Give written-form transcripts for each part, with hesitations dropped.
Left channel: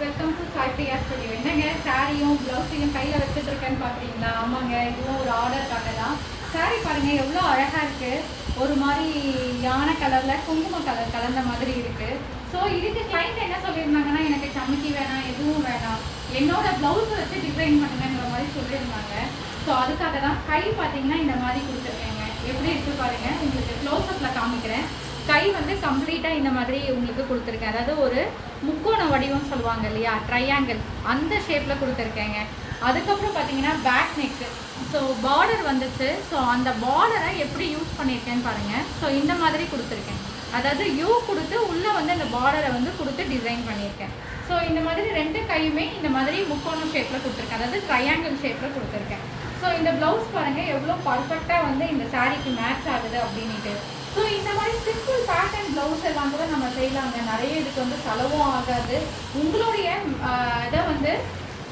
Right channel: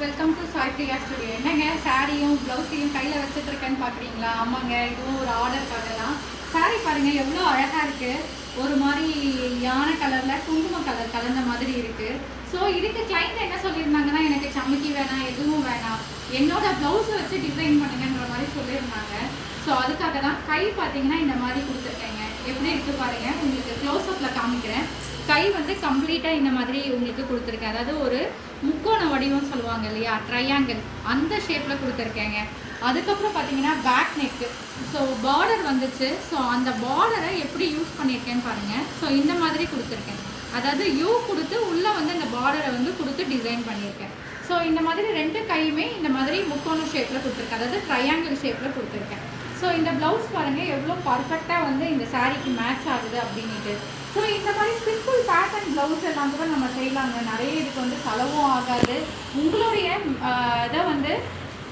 Welcome to Sai Priya studio. என்னங்க சாரியும் ப்ளவுஸையும் கையில் வச்சுட்டு இருக்கேன்னு பார்க்குறீங்களா? ஆமாங்க, இதுவும் ஒரு ஆர்டருக்காக தான். சாரி பாருங்கள் எவ்வளோ அழகாக இருக்குது. ஒரு மாதிரி யானை கலரில் குங்குமம் கலர் கலந்த மாதிரி இருக்குது. ஸோ இதுக்கு கிளைண்ட் என்ன சொல்லியிருந்தாங்கன்னா, எனக்கு சமைக்கி வேணாம், எதுவும் வேணாம், என்னோட ப்ளவுஸை வச்சு டிசைன் பண்ணுங்கிற மாதிரி சொல்லியிருந்தாங்க. ஸோ அதுக்காக தான் கை பார்த்தீங்கன்னா இந்த மாதிரி கொடுத்துருக்கேங்க. எப்படி இருக்குது பாருங்கள், உங்களுக்கு க்ளோஸ்அப்பில் காமிக்கிறேன். கை வந்து கம்ப்ளீட்டாக இந்த மாதிரி உங்களுக்கு கொடுத்துருக்கேன். அதாவது ஒரு முக்கோண வடிவம் சொல்லுவாங்க இல்லையா, ட்ரையாங்கிள், அந்த ஷேப்பில் கொடுத்துருக்கேங்க. அதுக்கப்புறம் பார்த்தீங்கன்னா பேக் நெக்கு. ஸோ பார்டர் வந்துச்சு. ஸோ அந்த பார்டரை எப்படி யூஸ் பண்ணியிருக்கேன்னு பாருங்கள். ஸோ இந்த மாதிரி கொடுத்துருக்கேன். அதாவது யூ கொடுத்து உள்ளே வந்து இந்த பார்டரை வந்து கொடுத்து டிசைன் பண்ணியிருக்கேன். ஸோ இந்த மாதிரி ரெண்டு கையுமே இந்த மாதிரி முக்கோண ஷேப்பில் கொடுத்துருக்கேன், அதாவது ட்ரையாங்கிள் ஷேப்பில் கொடுத்துருக்கேன். ஸோ இந்த ப்ளவுஸ் பாருங்கள் எவ்வளோ பர்ஃபெக்டாக வந்து இந்த சாரீக்கு மேட்ச் ஆகுது அப்படின்ட்டு. ஸோ இந்த மாதிரி சிம்பிள் பேட்டர்ன் ப்ளவுஸ் எல்லாம் கூட நம்ம செய்யலாங்க. நிறைய இதுக்கு வந்து செலவும் ஆகாது. உங்களுடைய இதை வந்து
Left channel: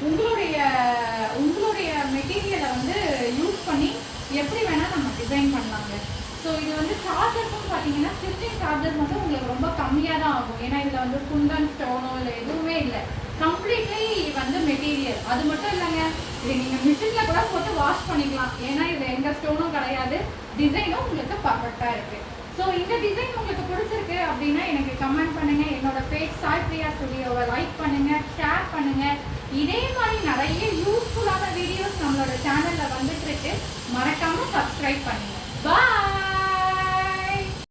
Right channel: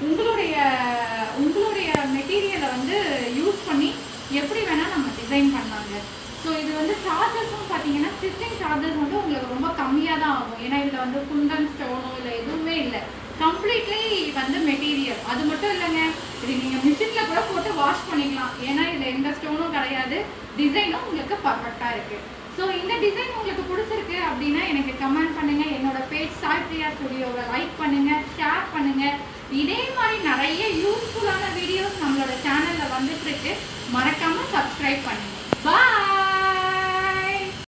உங்களுடைய மெட்டீரியலை வந்து யூஸ் பண்ணி எப்படி வேணால் நம்ம டிசைன் பண்ணலாங்க. ஸோ இது வந்து சார்ஜஸும் பார்த்தீங்கன்னா ஸ்டிச்சிங் சார்ஜஸ் வந்து உங்களுக்கு ரொம்ப கம்மியாக தான் ஆகும். ஏன்னா இதில் வந்து குந்தன் ஸ்டோனோ இல்லை எதுவுமே இல்லை, கம்ப்ளீட்லி வந்து மெட்டீரியல். அது மட்டும் இல்லைங்க, இது நீங்கள் மிஷினில் கூட போட்டு வாஷ் பண்ணிக்கலாம். ஏன்னா இதில் எந்த ஸ்டோனும் கிடையாது, டிசைனும் உங்களுக்கு பர்ஃபெக்டாக இருக்குது. ஸோ இந்த டிசைன் உங்களுக்கு பிடிச்சிருக்கு அப்படின்னா எனக்கு கமெண்ட் பண்ணுங்கள். என்னோட பேஜ் சாய் பிரியா ஸ்டுடியோவை லைக் பண்ணுங்கள், ஷேர் பண்ணுங்கள். இதே மாதிரி நிறைய யூஸ்ஃபுல்லான வீடியோஸ் நம்மளோட சேனலில் வந்துட்டுருக்கு. மறக்காமல் சப்ஸ்கிரைப் பண்ணுங்கள். பாய்.